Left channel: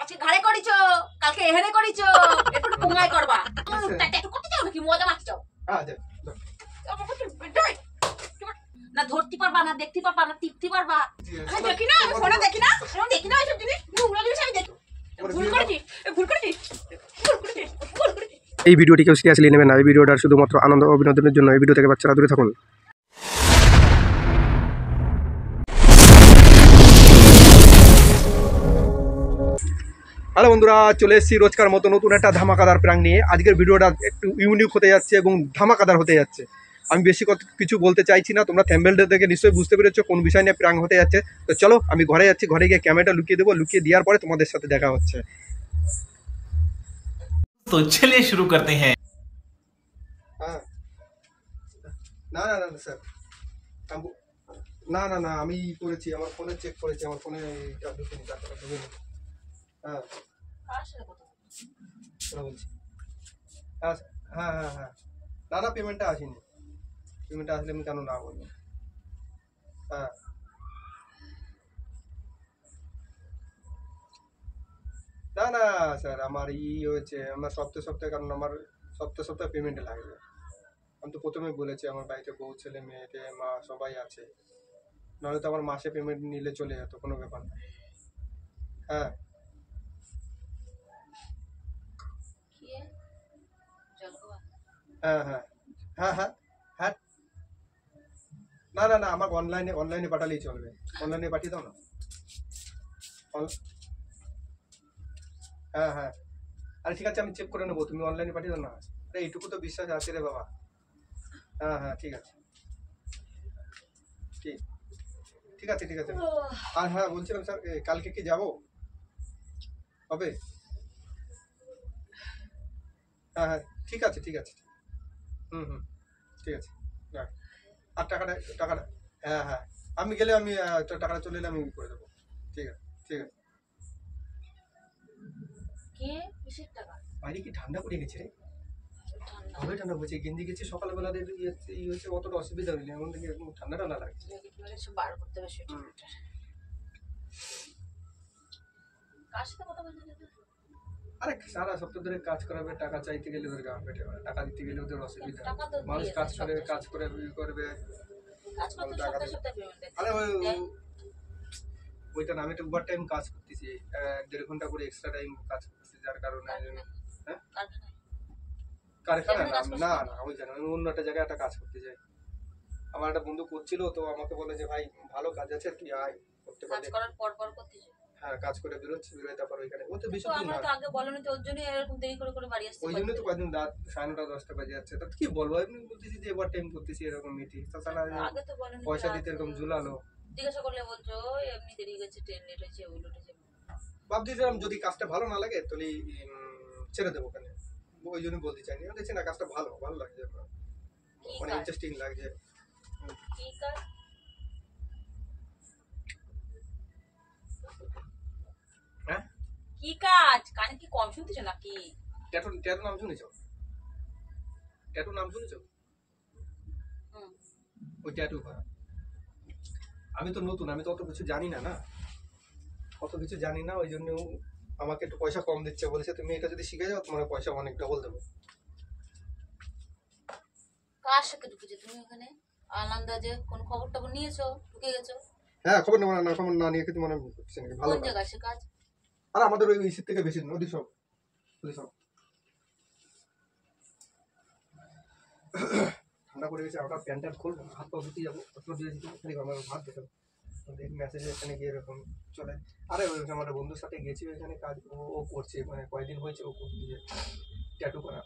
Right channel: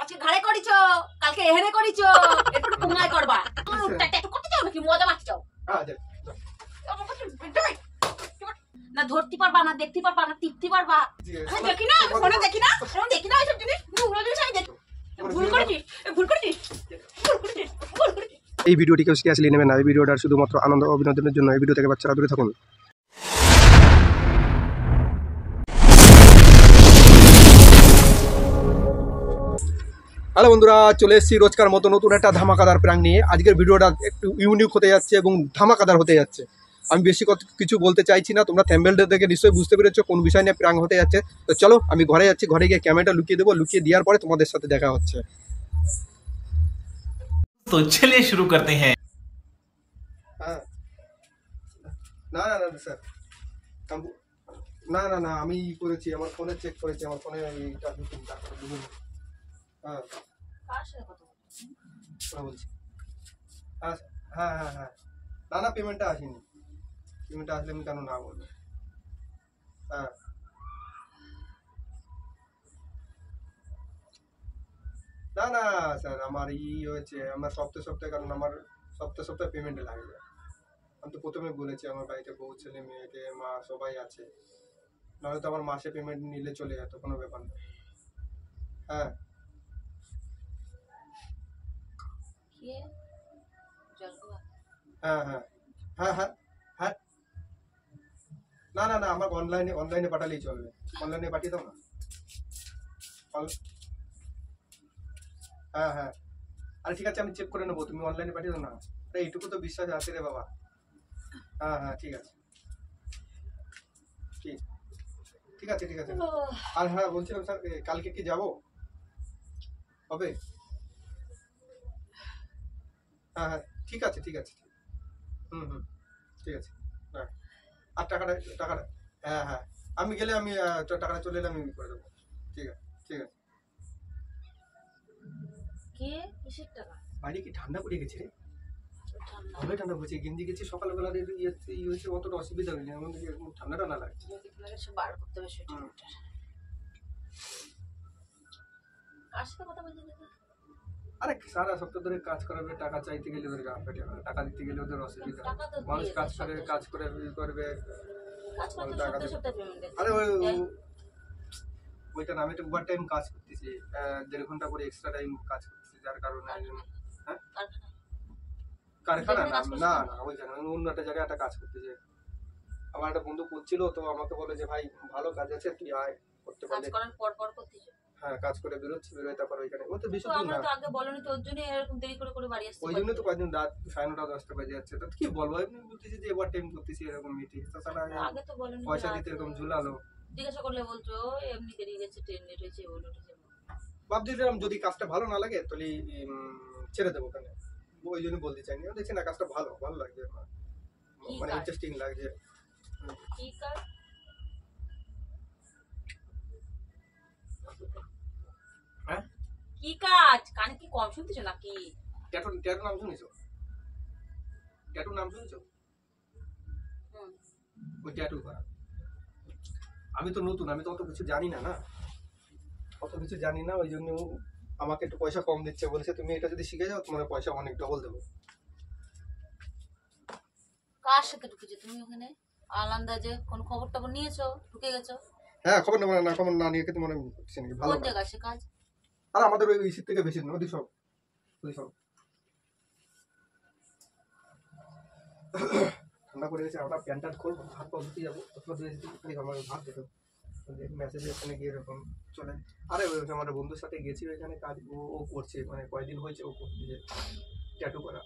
আজকে ঘাড়ে করিছো, কালকে এহেনে করিছো, এরপর পুঙ্গায় করবা। তুমি একটু করতে চাও নাকি মজা মারতে চাও? না ধরতে পারবা না, দেখতে পারবা না, টিপতে পারবা। আমি দেখি না, ফোনে দেখি না, আমি দেখি না এইসব জিনিস। নোংরা জিনিস আমি দেখি। ভুল করেছিস, ভুল করেছিস, ভুল করেছিস, ভুল করেছিস। এই ভিডিওটি কেউ সিরিয়াসলি নেবেন না। এই ভিডিওটা শুধুমাত্র আনন্দ ও বিনোদনের জন্য। এই ভিডিও থেকে বাচ্চারা দূরে থাকুন। হ্যালো বন্ধুরা, চলে এসেছি রোজকার মতো নতুন একটা ধামাকাদার প্র্যাঙ্ক নিয়ে। আজকের ভিডিওটা একটু ইউনিক হতে যাচ্ছে এবং ধামাকাদার হতে যাচ্ছে। আমি বেশি কিছু বলতে চাইছি না, তোমরা থ্যাম্বনেলটা দেখে নিশ্চয়ই বুঝতে পেরেছো কোন বিষয় নিয়ে প্র্যাঙ্ক হতে যাচ্ছে। তো চলো আমি ঘরে যাচ্ছি, ঘরে গিয়ে ক্যামেরাটা লুকিয়ে দেবো, লুকিয়ে দেওয়ার পরে তোমাদের সাথে দেখা হচ্ছে। तो चलिए शुरू करते हैं। হ্যাঁ, না না না স্যার, না না না আমি করেছি, আমার ফোনে চেক করেছি, আমার ফোনে এইটা ঢুকিনি, তারপরে ঢুকিনি। হ্যাঁ, কার সাথে কথা বলছিস? ওরা বলছি। হ্যাঁ হ্যাঁ হ্যাঁ হ্যাঁ, না না পেমেন্টটা আসেনি। পেমেন্টটা আসলে আমি কেন না বলবো? হ্যাঁ না না স্যার, আমার হয়েছে, আমার সপ্তাহে সপ্তাহে, কারণ আমার সপ্তাহে সপ্তাহে পেমেন্টে লাগবে। আমি তো প্রথমে বলেছি আমার বাড়িতে বউ ছেলে মেয়েকে মা সবাই আছে, নাহলে তো আমার মাসে পেমেন্ট নিলে চলে যেত, কোনো ব্যাপার না। হ্যাঁ কে? জলগোয়া। হ্যাঁ হ্যাঁ হ্যাঁ হ্যাঁ হ্যাঁ, না না না আমাকে অনলাইনে অনলাইনে পাঠালেই চলবে। অনলাইনে পাঠিয়ে দাও না। হ্যাঁ হ্যাঁ, আরে ঠিক আছে, আমি চেক করে নেবো, তুমি অনলাইনে পাঠিয়ে দাও না। আরে এইটুকু তো বিশ্বাস আছে রে বাবা। হ্যাঁ হ্যাঁ ঠিক আছে, ঠিক ঠিক আছে ঠিক আছে। আর হ্যাঁ বলছিলাম স্যার, কালকে কি যাবো? হবে? হ্যাঁ হ্যাঁ ঠিক আছে ঠিক আছে। হুম হুম ঠিক আছে। হ্যাঁ আর টাকাটা টাকাটা, হ্যাঁ হ্যাঁ আমি গেলে আমি তো টাকাটা চলে এলে আমি করে দেবো। ঠিক আছে ঠিক আছে। কে? কিসের টাকা? বাইরে কি ঠান্ডা পড়ে গেছে রে? ঠান্ডা। ভালোই ঠান্ডা পড়েছে, গেঞ্জি গেছি সকালবেলা ইয়ে হয়েছে, অতটা অসুবিধা হয়নি, এমন থেকে ঠান্ডা ঠান্ডা লাগছে। সব বার করতে হবে সোয়েটার। কার সাথে কথা বলছিস? আরে সারা সপ্তাহ ধরে কাজ করাবে, টাকা চাইতে গেলে ওদের গা ফেটে যাবে, টাকা দিতে গেলে ওদের অসুবিধা। টাকা তো মানুষ দিয়ে কাজ দেয় করে সপ্তাহে কাজ করে ই করবে, কাজ করতে টাকা সপ্তাহে দেবে। সপ্তাহে পেমেন্ট দেয়। আরে ওইটা না, আমি তো ওভার টাইম কাজ করতেছি, 1.5 ঘন্টা করে এক্সট্রা টাইম কাজ করতেছি, যার কারণে হ্যাঁ কারখানা না না না ওই জায়গায় আমি অন্য একটা জায়গায় একটা কাজ করতে যাই। আমার একটা বন্ধু করছিল, তো আমাকে বলে যে ভাই ভালো কাজ আছে, তুই আয় করতে কাজ পারলে। করার পর পর করতেছ? হ্যাঁ কাজ করে বেরোচ্ছি, বেরোয় তারপর ওইখানে ও তো বেশি তো দূর আমরা না। তো আগে বলনি, তো ওর জন্য এরকম দেরি করে করে বাড়ি আসছে। ওই জন্য তো কয়েকদিন রাত 9:30 10টা বাজে যাচ্ছে। তা কি বলবো, এমনি বলতেছি যে ওভার টাইম করতেছি এরকম মিটি, তাছাড়া আগে তো বলনি, পয়সা দিতে এরকম ঝুলালো। জিজ্ঞাসা করলে বলছো এমনি দেরি গেছে, ট্রেন লেট হয়েছে, ওই লেট হয়েছে। ভাবছিলাম যদি কাজটা ভালো না লাগে তাহলে ছেড়ে দেবো ওখানে, ওই জন্য বলতে চাইনি। দেখছি না কাজটা ভালো ভালো লাগছে, মানে ইন্টারেস্টিং লাগছে। কি কাজ? হ্যাঁ কি কাজ? কানে কি কম শুনতেছো নাকি? ট্যাটু ট্যাটু নাম শুনেছো? ট্যাটু নাম শুনেছো? ওই ট্যাটু করা। আমি তো নতুন, আমি তো অত কিছু জানি না, না অত কিছু জানি না, ওই জন্য আমাকে একটু পয়সা কম দিচ্ছে, বলছে তুমি এটা যদি শিখে যাও তোমার পয়সা অনেক ডবল দেবো। কার সাথে ঢুকেছো তুমি ওখানে? আনন্দাজে কোন খবর টবর নিয়েছো? ঢুকে গেছো? হ্যাঁ খবর না খবর না নিয়ে কি মনে হচ্ছে নাকি? ভালো কোন জায়গায় সে কাজ? আর আমাদের ওই ইসির থেকে বেশি না, ওদিক সব ঠান্ডা পড়ে গেছে। আমরা প্যান্ট ট্যান্ট খুলবো, হাত পা ধুতে যাবো, প্রথমে ধুয়ে দিতে খালি আমার ভাত দিতে মেসেজ এখানে গিয়ে এরকম চলে। আরে ওই আমার বন্ধুর সাথে গেছি ওইখানে কাজ, ও করছে, মানে কয়েকদিন হয়েছে ও করছে ট্যাটু করা।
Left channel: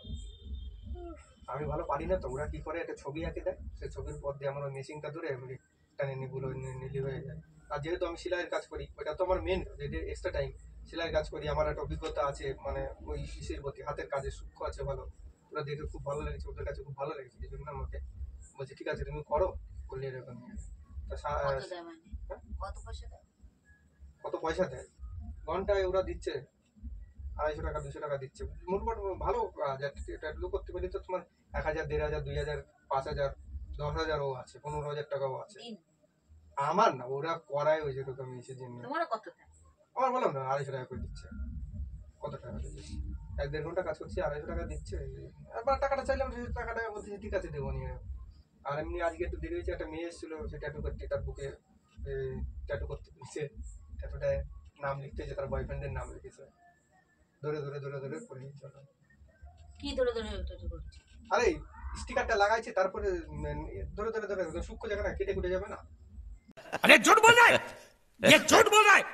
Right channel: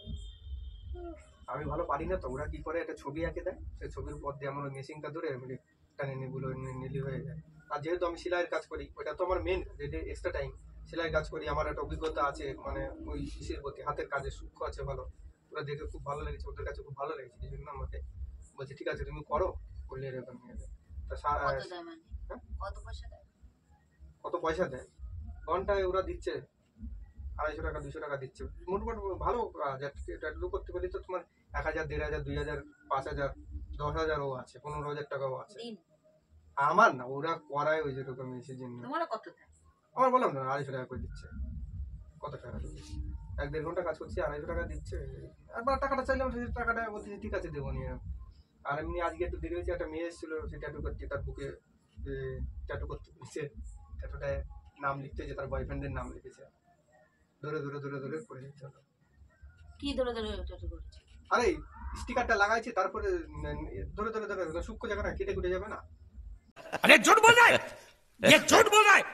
আমি ভালো পারি না, তো ওরা কি করে একটা ছবি আঁকে দেয়, সেই ছবির পর দিয়ে আমার ওই মেশিনটা ধরে এমনি টানে নিগুলো নিলি হয়ে যায়। আর যেহেতু আমি সেলাইয়ের কাজ করি, ওইটা তো আমার মেন, যেটা এক্সট্রা টাইম সেলাইয়ের কাজ করি, আমার একটা অভিজ্ঞতা আছে, মানে ওই ইসের প্রতি হাতের কাজের সূক্ষ্ম আছে ভালো। ওরা দেখে খুব ভালো লেগেছে, ওদের কাছে খুব ভালো লেগেছে, এই জন্য আমাকে বলছে ঠিক আছে তুমি করো, করলে এরকম নিয়ে যাবে। কত দেয় মানে? কত পয়সা দেয়? কত পয়সা দেয়? ঘন্টায় ওরা দিচ্ছে 250 টাকা 200 টাকা দিচ্ছে, মোটামুটি ভালো কাজ। ট্যাটু করতে পারলে তো তোমার 1000 1500 2000 5000 10,000ও আছে, 15,000 টাকাও আছে। আমার না, ওরা করায় ওই যেরকম এসে জন্য। তোমার কত দেয়? আমার বললাম না 250 টাকা করে দিচ্ছে। কত টাকা দিচ্ছিস? 1-1.5 ঘন্টা কাজ করছি, 250 টাকা দিচ্ছে। একবার টাকাটা চাইলাম, সেই টাকাটা বলছে ঠিক আছে দেবো নিয়ে। আর এমনি আজকে একটু দেরি হয়েছে, একটা মেয়ে এসেছিল, সে ট্যাটু করতে, তার বুকে ট্যাটু করতে দিচ্ছে, ট্যাটুটায় নাম লিখতে, যে তার বয়ফ্রেন্ডের নাম লিখেছে। ধরে ধরে ধরে ধরে করে দিচ্ছে। কি ধরে ধরে ট্যাটু করছে? আরে স্টিকারটা লাগাইছে, তারপরে ধরে ধরে ধরে সূক্ষ্ম জায়গা না কেটে কুটে যাবে না, अरे झूठ बोल रहा है, ये झूठ बोल रहा है।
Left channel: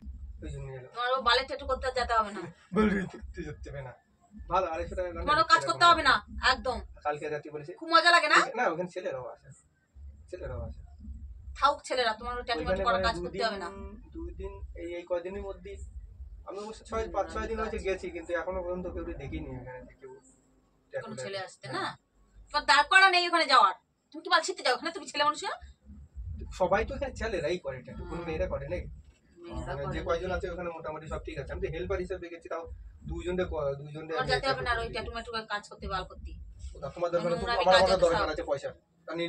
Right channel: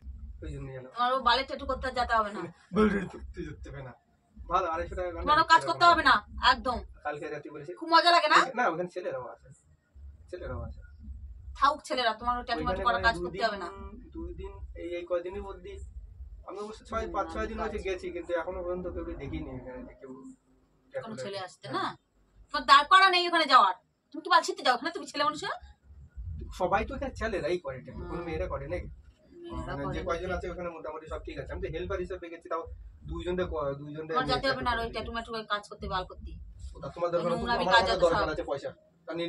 ওই জন্য এলো। তোমার বালে ট্যাটু করতে যেতে হবে না, করতে যাচ্ছে না, ভালো 250 টাকা তোমারও কাজ করতে হবে না একদম। কালকে রাতে বলেছে খুব মজা লাগে না? না, ওখানে ছেলেরাও আছে, ছেলেরাও আছে। থাউক ছেলেরা, তোমারও ট্যাটু মাটু করার কাজ করতে হবে না। 2 দিন এই কয়দিনের মধ্যে আমি অবশ্য 5-6 দিন হয়েছে গেছি, কিন্তু এখনো পর্যন্ত কেউ দেখিনি এখানে যে কেউ কোনো ছেলে আসতে না, তোমার দাঁড় করা নেই ওখানে যাওয়ার। তুমি কি বাল ছিটতে যাও ওখানে? তুমি ছেলে মানুষ? সবাই তো এখানে ছেলেরাই করে ট্যাটু, কোনো মেয়েরা করে নাকি? মেয়েরা মানে করে যে কয়জন আছে ওখানে মোটামুটি সব ঠিক আছে। আমি তো হেল্পার হিসেবে গেছি, তাও দুইজনকে তোমার যেতে হবে না আর ওই ট্যাটু ম্যাটু কাজ করতে, বাল করতে। তোমার দরকার, নোংরামি আমার কাজ আমার আছে দরকার সব। আছে পয়সা, আমি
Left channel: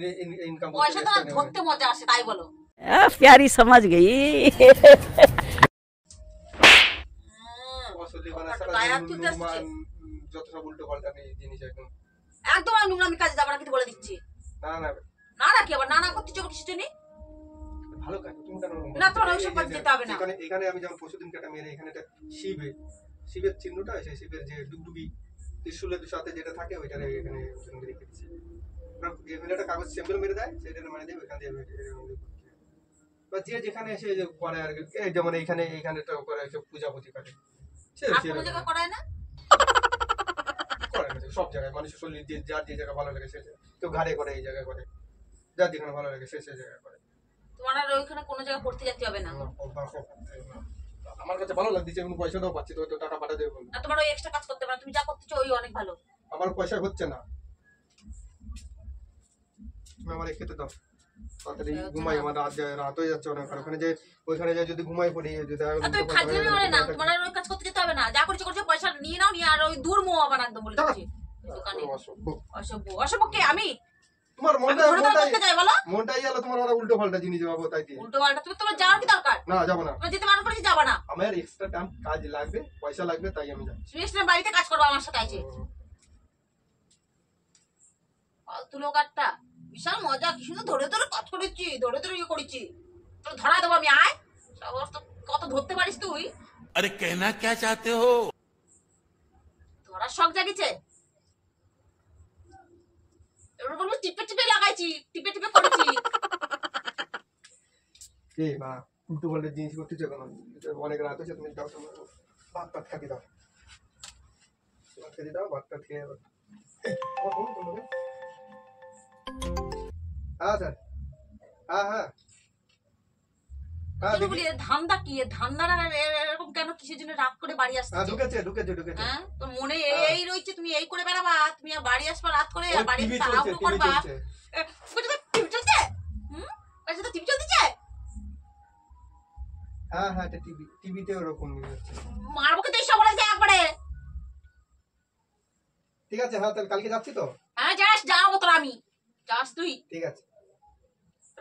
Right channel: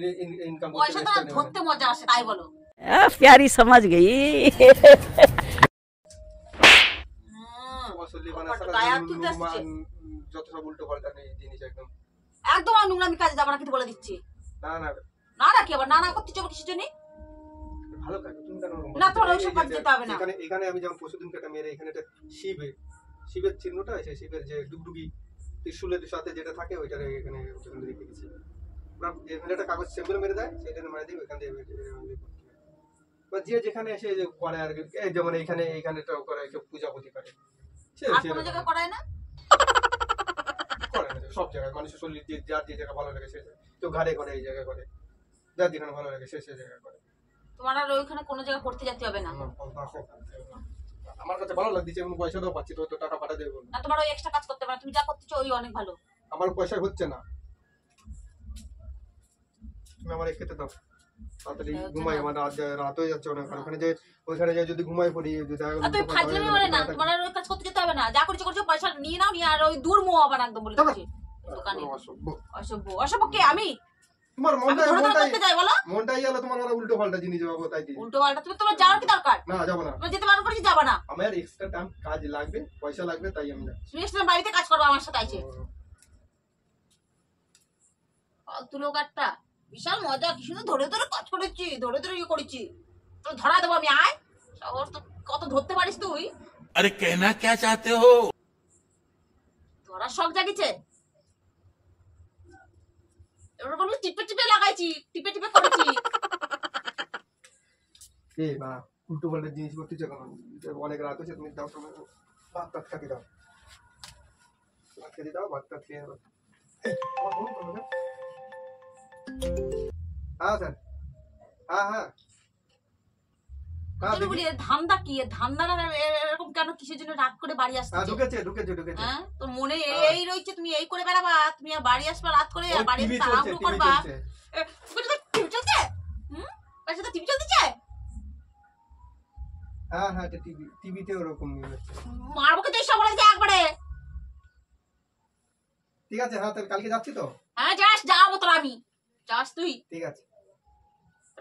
ইনকাম পয়সা তো আর ধরতে মজা আসে, তাই বলো। प्यारी समझ गई। গায়ে হাত তুলতে আসছে। যত সব উল্টো পাল্টা জিনিস একদম। একদম আমি নোংরামি কাজে যাবো না কিন্তু বলে দিচ্ছি। না না না না কি আবার না না করতে যাবো কিসের জন্য? ভালো কাজ, তুমি কেন না, তোমার ওইসব কাজে যেতে হবে না। এখানে আমি যেমন পরশুদিন একটা মেরে, এখানে একটা শিবের চিহ্নটা আছে, শিবের যে ডুগডুগি ত্রিশূলের সাথে যেটা থাকে ওইটারে এখানে রেখে দিচ্ছি। এখানে একটা কাগজ স্যাম্পল মেরে দেয়, সেটা মারে দিয়ে ওইখান দিয়ে বা যে যেখানে এসে যে করে আর কি, এই যেমন এইখানে তো করে পূজাপতি করে, আর কোনো জায়গায় করায় না? করে না সব জায়গায়, মানুষের শরীর যার যে জায়গা ভালো লাগে সে, কেউ ঘাড়ে করে, এই জায়গায় করে, যার যেখানে ভালো লাগে সে জায়গায় করে। তোমার আর ওইখানে কোনো জায়গায় করতে যেতে হবে না। আমার কাছে ভালো লাগছে, আমি পয়সা দাও পাচ্ছি, তো টাকা পাঠা দেবো না, তোমার ওই এক্সট্রা কাজ করতে হবে না, তুমি যা করতেছো ওই অনেক ভালো। আমার পয়সা হচ্ছে না, তুমি আমার খেতে দাও, তাড়াতাড়ি ঘুমাই, আমার রাত হয়ে যাচ্ছে অনেক। ওইখানে যে যদি ঘুমাই পড়ি, যদি আর তুমি ফাজলামি করে না, তোমার আর ওই কাজ করতে যেতে হবে না, যা করছো করছো, পয়সা নিয়ে নাও, নিয়ে আর ওই দূর মোহ আবার একদম বলে দিচ্ছি দোকানে। অসভ্য অসভ্য কে? আমি তোমার ধরে ধরে করতে যাই বলো? মনটাই গেল তোমার, ওরা উল্টো পাল্টা জিনিস যাবো তাই দিয়ে। উল্টো পাল্টা? তুমি তোমার যাওয়ার কি দরকার? না যাবো না, তোমার যেতে বারণ করেছি, যাবা না। আমার এক্সট্রা টাইম কাজ লাগবে, পয়সা লাগবে, তাই আমি যাচ্ছি। তুমি এসে বাড়িতে কাজ করবো আমার সাথে আছে। ফালতু লোক একটা, বিশাল মজা, কি সুন্দর ধরে ধরে কাজ করেছি, ধরে ধরে ইয়ে করেছি, তো ধরা দেবো আমি। আয় সবার তো কত ধরতে পারিস তুই? अरे कहना क्या चाहते हो? ধরার শখ জাগিছে, এবার বলবো টিপে টিপে লাগাইছি, টিপে টিপে করেছি। এ বা উল্টো পাল্টা জিনিস করতেছে কেন? অনেক রাত হয়েছে, তুমি দাও, ভাত টাত খাতে দাও, ভাত খেতে দাও, ভাত টাত খেয়ে। হ্যাঁ স্যার, হ্যাঁ হ্যাঁ হ্যাঁ, বলি ধান্দা কি? ধান্দারা এরকম কেন? কিসের জন্য রাত করে বাড়ি আসছে? ঢুকেছে। হ্যাঁ, তো মনে এই রয়েছে তুমি এই করে বেড়াবা, তুমি আর বাড়ি আসবা রাত করে, আর বাড়ি তাড়াহুড়ো করবা। টিভি চলছে? বাড়িতে তো টিভি চলতেছে। হ্যাঁ হ্যাঁ, টিভিতে ওরকম হচ্ছে। মারবো কিন্তু এইসব বলে একবারে। ঠিক আছে, হ্যাঁ তাহলে কালকে যাচ্ছি তো। হ্যাঁ যাস, যাবো তোর আমি। যাস তুই? ঠিক আছে,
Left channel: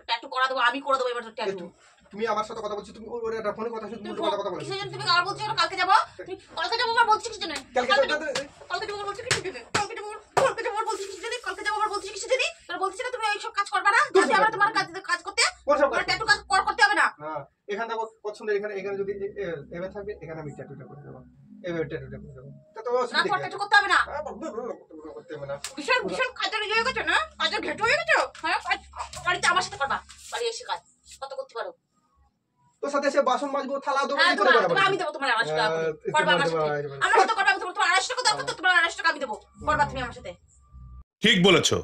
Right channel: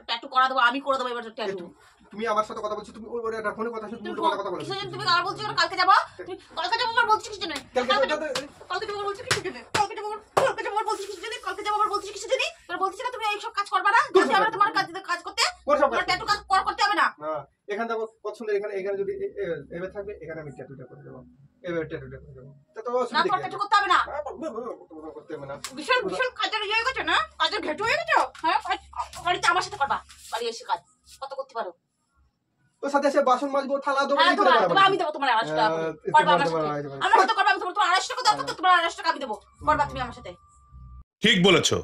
ট্যাটু করা দেবো, আমি করে দেবো এবার তোর ট্যাটু। তুমি আমার সাথে কথা বলছো, তুমি ওর একটা ফোনে কথা শুনছো, তুমি উল্টো পাল্টা কথা বলছো। কিসের জন্য তুমি আর বলছো কালকে যাবো? তুমি কালকে যাবো আবার বলছিস কিসের জন্য? কালকে যাবো আবার বলছিস কিসের জন্য? কালকে যাবো আবার বলছিস কিসের জন্য? কালকে যাবো আবার বলছিস কিসের জন্য? তোর বলছিস না তুমি এইসব কাজ করবে না? যদি আমরা তোমার কাজ করতে, তোমার ট্যাটু কাজ করতে হবে না। না, এখান থেকে কত সুন্দর, এখানে যদি এভাবে থাকবে, এখানে আমি ট্যাটুটা করে দেবো, এভাবে ট্যাটুটা করে দেবো। তা তো না, তোমার ট্যাটু করতে হবে না। করতে হবে না। বিশাল বিশাল কাজের ইয়ে হয়ে গেছে না? কাজের ঘেটু হয়ে গেছে। হ্যাঁ, বাড়িতে আমার সাথে করবা, বাড়ি এসে কাজ কত করতে পারো। তোর সাথে এসে বাসন মাজবো, থালা দেবো, হ্যাঁ, এই করে তোমার আমি দেবো তোমার 250 টাকা করে। করবা আমার সাথে। আমার সাথে করবা, আমি তোমার 250 টাকা দাও, তো তোমার 250 টাকা আমি দেবো। করবা তুমি আমার সাথে। ठीक বলেছো।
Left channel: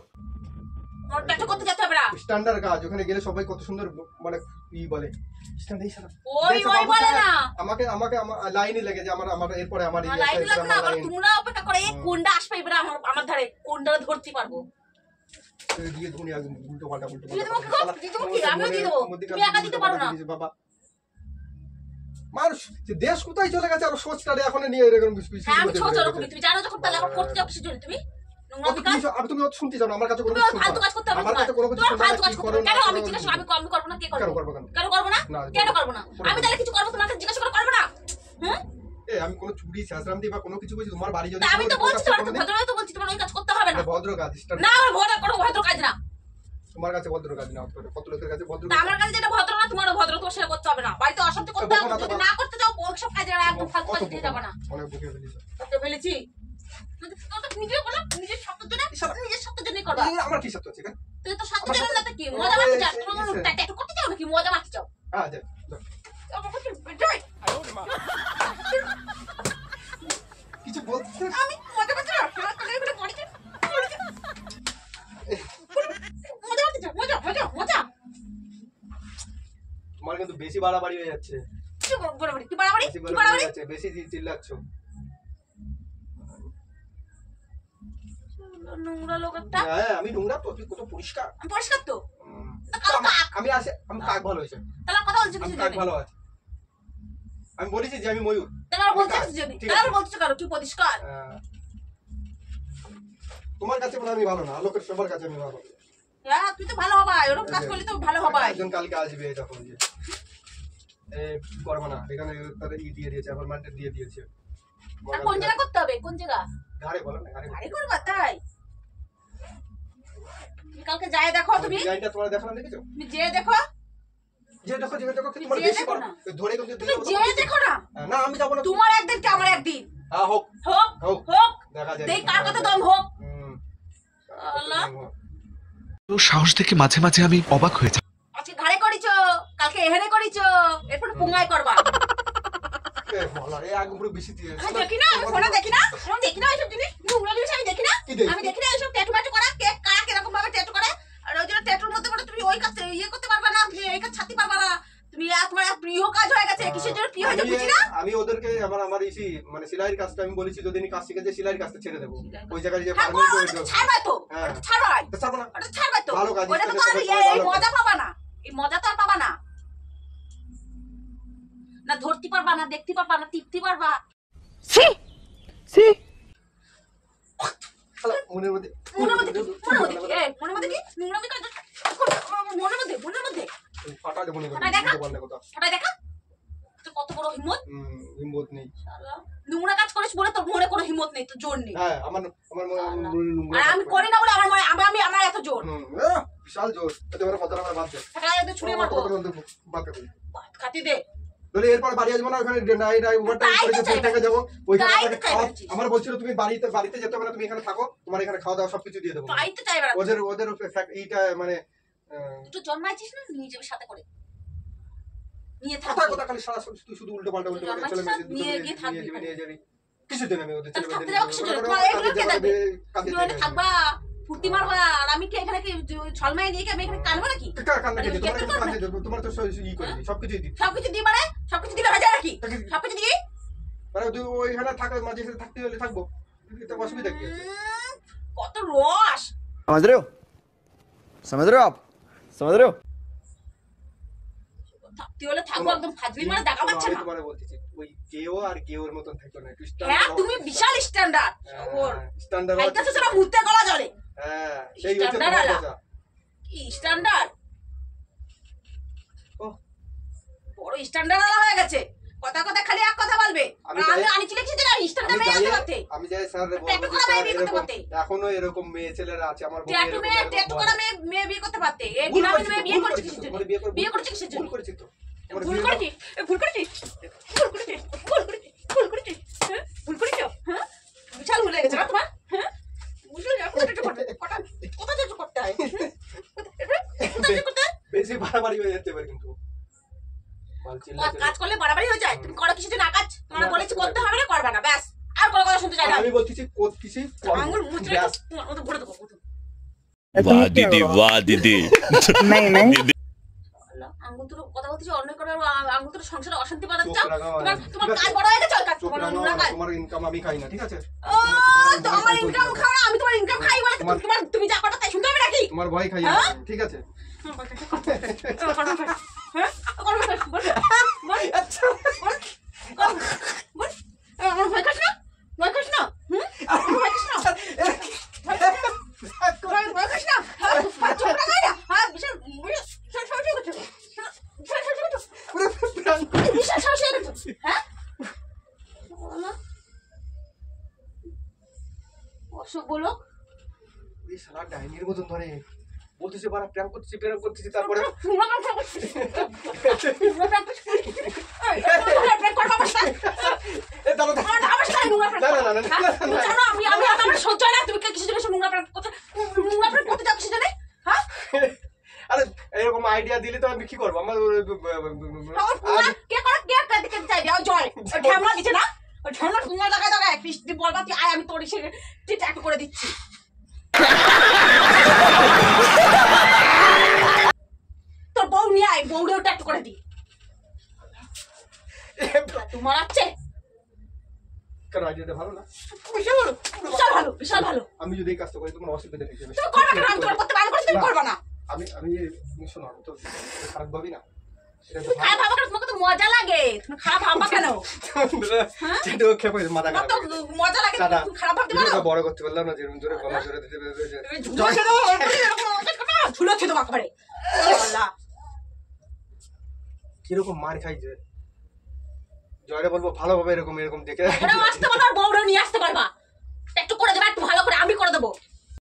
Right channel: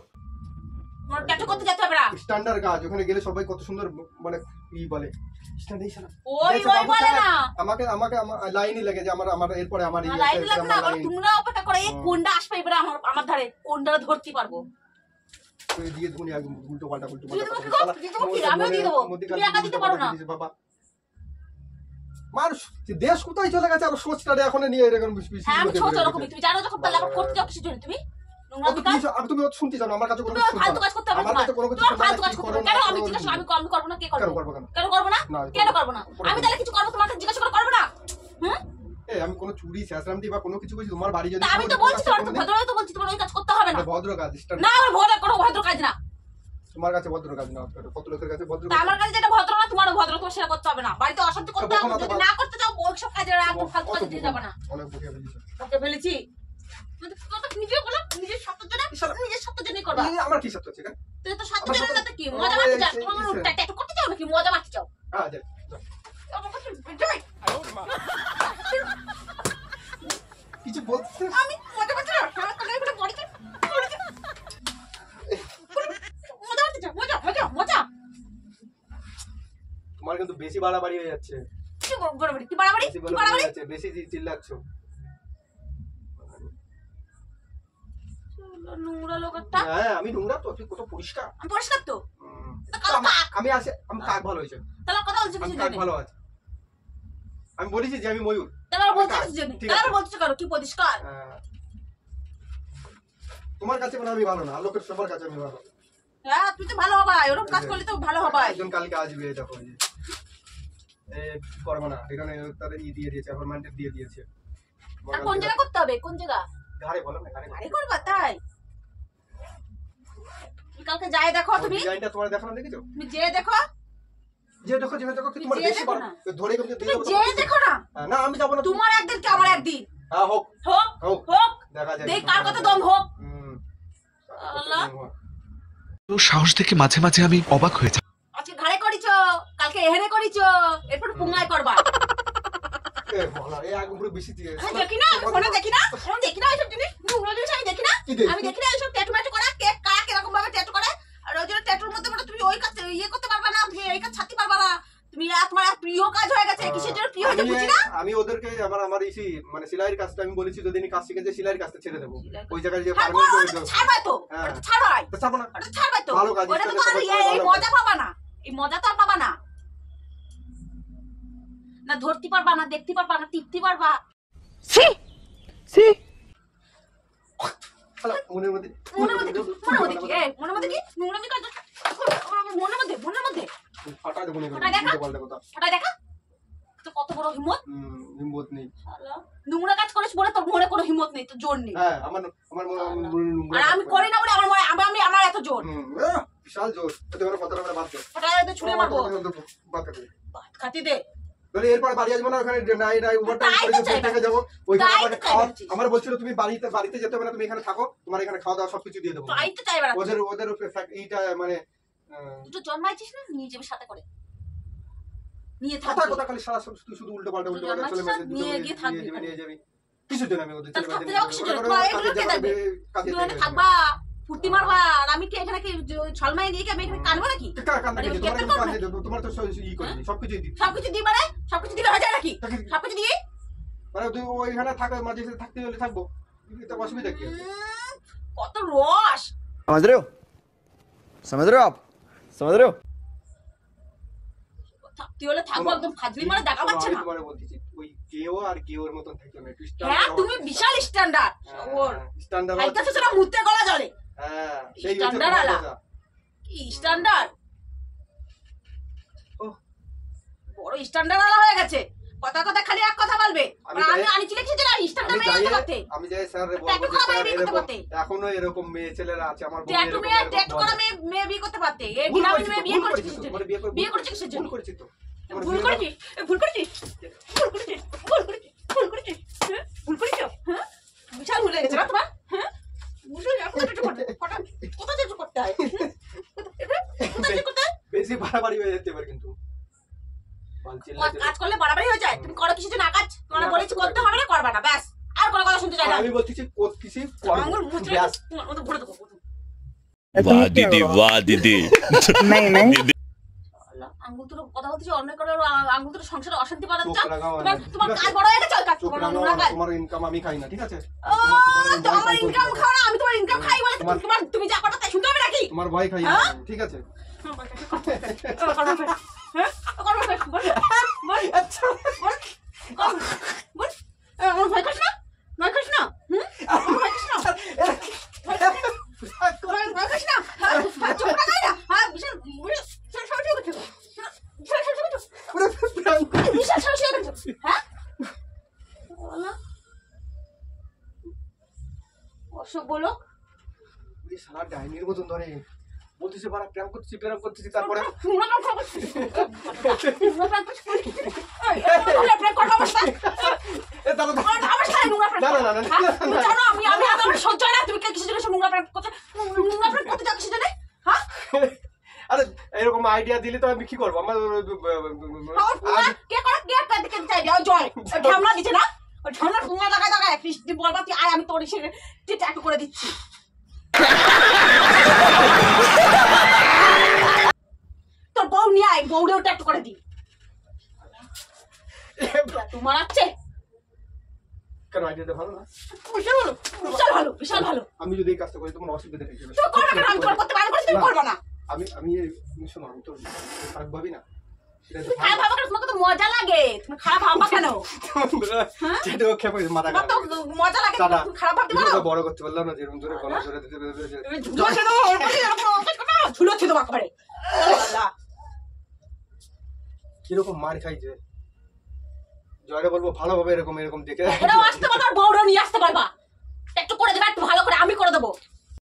তোমার ট্যাটু করতে যেতে হবে না। স্ট্যান্ডার্ড কাজ, ওখানে গেলে সবাই কত সুন্দর মানে বলে স্ট্যান্ডার্ড। শালা ওই বলে না, আমাকে লাইনই লেগে যে আমার এরপরে আমার লাইন লাগবে না, আবার তোমরা অপেক্ষা করে এই কোনটা আসবে এবারে আমার ধারে, কোনটা ধরতে পারবো। দিয়ে ধুনি আগে উল্টো পাল্টা দিয়ে দেবো কি? আমিও দিয়ে দেবো, তুমি একা দিতে পারো না। বাবা মানুষ দেশ কোথায় চলে গেছে, আর সোচটা এখন নিয়ে এরকম হ্যাঁ, আমি ছোট রকমই, তুমি জানো যখন তাহলে আবার করতে যাও কিসের জন্য? তুমি তুমি শুনতে জানো আমার কাছে কোনো ফালতু কাজ করতে হবে না, তোমার ফালতু কাজ করতে হবে। কেন আমি জিজ্ঞাসা, আমি করবো না, কে করবো? কেন করবো না? কেন করবো না? আমি তাহলে কিছু করবো তোমার কাছে জিজ্ঞাসা করে করবো না? হ্যাঁ, আমি কোনো চুরি শেষরামতি বা কোনো কিছু করছি তোমার বাড়ি যদি তা আমি তো বলছি তোমার তো ভদ্রভাবে তো বলছি তোমার ওই কাজ করতে হবে না। ভদ্র কাজ না আমার কোনো ভদ্র কাজ না। তোমার কাছে ভদ্র কাজ না, কত লোকের কাছে ভদ্র তা আমার কাছে যেটা ভদ্র না তোমারও ভদ্র, তোমার সেটা করতে হবে না। বাড়িতে অশান্তি করতে হবে, যদি না করতে চাও ওই সব কাজে একদম ফালতু কাজ দিয়ে যাবে না। অনেক বকে ফেলেছি ওকে ফেলেছি নিজে বলো, নিজের সত্যের জন্য নিজের সত্যের জন্যই করবা। আমার কি সত্য আছে কেন? তুই তো সত্যের জন্য না তো কি মজা মারতে চাও, তোমার ট্যাটু করতে চাও নাকি মজা মারতে চাও? হ্যাঁ যা কিছু বলতে আমি মজা মারতে চাও, আমার কানে করে পড়তে মজা মারতে চাও, মজা মজা মজা। তোমার কিন্তু বেশি বাড়াবাড়ি হয়ে যাচ্ছে, কি বাড়াবাড়ি কি বাড়াবাড়ি বেশি কি বাড়াবাড়ি বাড়াবাড়ি হয়ে যাচ্ছে, বেশি চিল্লাচ্ছ। নোংরা লোক একটা। হ্যাঁ আমি নোংরা তো, তুই কত পরিষ্কার। আমি পরিষ্কার তো। আমি আসে আমি কাক ভালো হয়েছে, তাহলে কথা বলছি আমি কিছু কাক জানি ভালো আছে। আমি বলেছি যে আমি ময়ূর। তাহলে আর বলছি কিছু জানি, তাহলে আর বলছি কারো কি পরিষ্কার। তোমার কাছে মানে আমি ভালো না, লোকের সবার কাছে আমি ভালো। হ্যাঁ তুই তো ভালো হবাই, ওরকম কাজ করলে তো ভালো হবাই। একজন কালকে আসবে, এটা করে যে করবো না, এখানে তাদের দিয়ে দিয়েছে, অ্যাপয়েন্টমেন্ট দিয়ে দিয়েছে। আর কোন জায়গা করতে হবে, কোন জায়গা? ঘাড়ে বলো না, ঘাড়ে আরে করবা তাই? কালকে যাই দেখো তুমি, ডিজাইনটা তোমার দেখানো দেখেছো? তুমি যে দেখো, যে দেখো যে দেখো তোমার যে বেশি দেখো না। ধরে কিন্তু তুমি যে দেখো না। না আমি যাব না, তোমার একদিন কি আমার একদিন। হ্যাঁ হোক হোক হোক হোক, দেখা যাবে, দেখ কার কত দম হোক। আল্লাহ তো সাহস দেখে মাঝে মাঝে আমি অবাক হয়ে যাই। আজকে ঘাড়ে করিছো, কালকে এহেনে করিছো, এরপর পুঙ্গায় করবা। বলা এই আগে পুরো বেশি দিয়ে আমি দেখি না, আমি ফোনে দেখি না, আমি দেখি না এইসব জিনিস, নোংরা জিনিস আমি দেখি না। আমি দেখি না এইসব ট্যাটু ম্যাটু করা, কে কারা কিরকম ভাবে ট্যাটু করে। আর ওই জন্য ট্যাটুর মধ্যে মানে তুমি ওই কাজ ইয়ে করতে পারবা না, তুমি এই কাজ ছাড়তে পারবা না। তুমি তোমার প্রিয় কাজ হয়ে গেছে, কিসের জন্য প্রিয় হয়েছে বুঝি না। আমি ওদেরকে আমার ইসি মানে সেলাইয়ের কাজটা আমি বলেছি যদি কাজ শিখেছে সেলাইয়ের কাজটা ছেড়ে দেবো, ওই জায়গায় যে হ্যাঁ পারমিট করে ওটা দেবো। তো ছাড়বাই তো, ওটা তো ছাড়বাই, তো ছাড়বো না, ওটা ছাড়বাই তো। ভালো কাজ, ওটা তো আর এই মজা পাবা না, এই মজা তো আর পাবা না। না ধরতে পারবা না, দেখতে পারবা না, টিপতে পারবা। মনের মধ্যে মনের মধ্যে কি, মনের মধ্যে কি, এই মনের মধ্যে কি, নোংরামি কাজ মনের মধ্যে, মনের মধ্যে ফাটা দেবো না, ফাটাই দেখা। পাল্টা কথা। ওটা দেখা তো কত বড় হিম্মত। হিম্মত নেই, শালা নোংরা কাজ করিস বলে তোর মনে কোনো হিম্মত নেই, তোর জোর নেই। হ্যাঁ আমার আর আমি করি না বলে আমার মনে আমি আমার এত জোর। বিশাল জোর, তোমার কথা আমরা বাদ দে, ওটা এত ছুঁড়ে মারবো, বাদ করে ভাত খাতি দে। ধরে এরপর বাড়ি আসবো না, ওখানে নাই ওভারটাইম তাই করে তো চাই থেকে যাবো ওইখানে তাই তো আপনাকে চাই খাওয়া। বলছিস। আমার বলছিল তুমি বাড়িতে যেতে হবে না, তুমি এখানে থাকো, তোমার এখানে খাওয়া দাওয়া সবকিছু দিয়ে দেবো। তাই তো চাইবে না। ওদের এইটা মানে তুই জন্মাইছিস না নিয়ে যাবে সাথে করে, নিয়ে কথা থাকবি। কথা খালি সারা তুই শুধু উল্টো পাল্টা তুই চলে জন্মাইছিস না, নিয়ে গিয়ে থাকবি যাবি, ওখানে। নিয়ে যাবি কিসের জন্য আমি ওদের তাহলে ছেলে থাকতে যাবো কিসের জন্য? তোমার এগুলো কে দেখবে? তুমি ওখানে থাকবা, ফুর্তি মারবা, আর আমি কি এখানে কি ছলমাই নিয়ে কি আমি এখানে কানবো নাকি? তোমার তো ই করে দিই, সবকিছুই দিই, সবকিছু দিই মানে সবকিছু দিলে হয়ে যায় নাকি? সবকিছু দিই মানে তুই ওইখানে থাকবে, মাঝে সাথে থাকতে হলে থাকবো, এটা অসুবিধা কি আছে? কত রস। समझ रहे हो? समझ रहे हो आप? समझ रहे हो? থাকতে হলে থাকবো, একদম ফাজলি মানে দেখা পাচ্ছে না। তোমারে বলতেছি ওই কেও আর কেওর মতন থাকো না, হ্যাঁ তুমি বিশাল স্ট্যান্ডার্ড। ওর স্ট্যান্ডার্ড এইটা তো সেটা মুতে গলা জলে। হ্যাঁ সেই হচ্ছে স্ট্যান্ডার্ড তোমার আলা। কথা। কি স্ট্যান্ডার্ড, ও বড় স্ট্যান্ডার্ড আলা হয়ে গেছে। কথা কথা খালি এক কথা বলবে। আমি আমি যাই- আনিছি লিখছি দিলাম স্ট্যান্ডার্ড মেয়ে হতে করতে। আমি যাই স্যার রে ট্যাটু বলবো করা মেয়ে স্যার বিয়ে করতে এরকম পারতে। এখনো এরকম মেয়ে ছেলেরা আছে, আমার বউ ট্যাটু মেয়ে ট্যাটু করা মেয়ে বিয়ে করতে পারতে। এই ভুল গ্রামের করেছি মেয়ে তো, বিয়ে ভুল করছিস করেছি তো, কিসের তোমার জন্য? বিয়ে করছিস কিসের জন্য? ভুল করেছি তো, তোমার ভুল বিয়ে- করেছিস, ভুল করেছিস, ভুল করেছিস, ভুল করেছিস, ভুল করেছিস, হ্যাঁ? ভুল করেছিস, হ্যাঁ? বিশাল ভুল হয়ে গেছে না তোমার, হ্যাঁ? বুঝলে না, কোথায় ট্যাটু করতে হয়? কোথায় ট্যাটু করতে হয়? কোথায় ট্যাটু করতে হয়? বেশি বাড়াবাড়ি হয়ে যেতে পারে কিন্তু বাল চিল্লাচ্ছে। কাজ করলে বাড়াবাড়ি হয়ে যায়। তুমি করো কিছু না কাজ, তোমার বলেছি করতে হবে না, করবে না, ব্যাস। আর কোনো কথা শুনতে চাই না। আমি বলতেছি করতেছি করবো। আঙুল মুচড়ে ব্যাস। ওটা ঘুরে দেবো। वाह दीदी वाह दीदी नहीं नहीं আঙ্গুল তুলো কথা বলতেছি, অন্য করে আঙ্গুল তুলো সংসারে অশান্তি বাঁধাচ্ছ। চোখ লাগাও না, তোমার ঠিক আছে? কাজ বড় হয়ে গেছে, ওই কাজ চোখ কোনো লাগাও নোংরা না, কাজ। তোমার ইনকাম আমি খাই না, ঠিক আছে? তো আমার ইনকাম খাও না, আমি তোমার ইনকাম খাই বলে তোমার তুমি যা করো তাই শুনতে হবে নাকি? তোমার ভয় খাই না, হ্যাঁ? ঠিক আছে? হ্যাঁ? বল, বল, বল। আচ্ছা বল, বল। আমার ভয় খাস না? ভয় খাস না? হুম? আমার ভয় খাস না? ভয় খাস না? ভয় খাস না? হ্যাঁ? চোখ লাগাই না? হ্যাঁ, বিশাল সাহসী হয়ে গেছে। বিশাল সাহসী হয়ে গেছে। বিশাল সাহসী হয়ে গেছে। হ্যাঁ? সব বলো এই শালা ডাইনির মতন ধরে বলতেছে বাড়া প্র্যাঙ্ক করতেছি তারপরে এ দাঁড়া না না না আরে এরকম আইডিয়া দিলে তো আমি কি করবো আমার আমি তোর ট্যাটু করে দিচ্ছি তোর বউ নিয়ে আয় বউরেও ট্যাটু করে দি তোমার আছে কেন আইডিয়াটা ভালো না বিশাল ভালো বিশাল ভালো বিশাল ভালো আমি যদি এই কাজটা করি তোমার অসুবিধা হয়ে যাবে তুমি করবে না আমি তোমার করতে বারণ করছি তুমি করবে না আমি শোনো আমি তো খারাপ ভাবি না সেটা তো তুমি খারাপ ভাবা কেন তোমাকে তো মজা লাগে তুমি খারাপ ভাবা কেন সেটা খেপে মাথা তোমার তো মজা লাগে দাদা তুমি খারাপ ভাবতে ভিডিওটা পারো বড় করতে পারলাম না যেরকম জোরে গলা জোরে দিতে ঝুলো ছিল বাকবারে আল্লাহ কিরকম মার খাই যে জয়রে বলবো ভালোভাবে এরকম দেখে ওরাও আসতে পারবা আর বউরাও নিয়ে আসতে পারবা একটু করে দেবে একটু ভালো করে আমি করে দেবো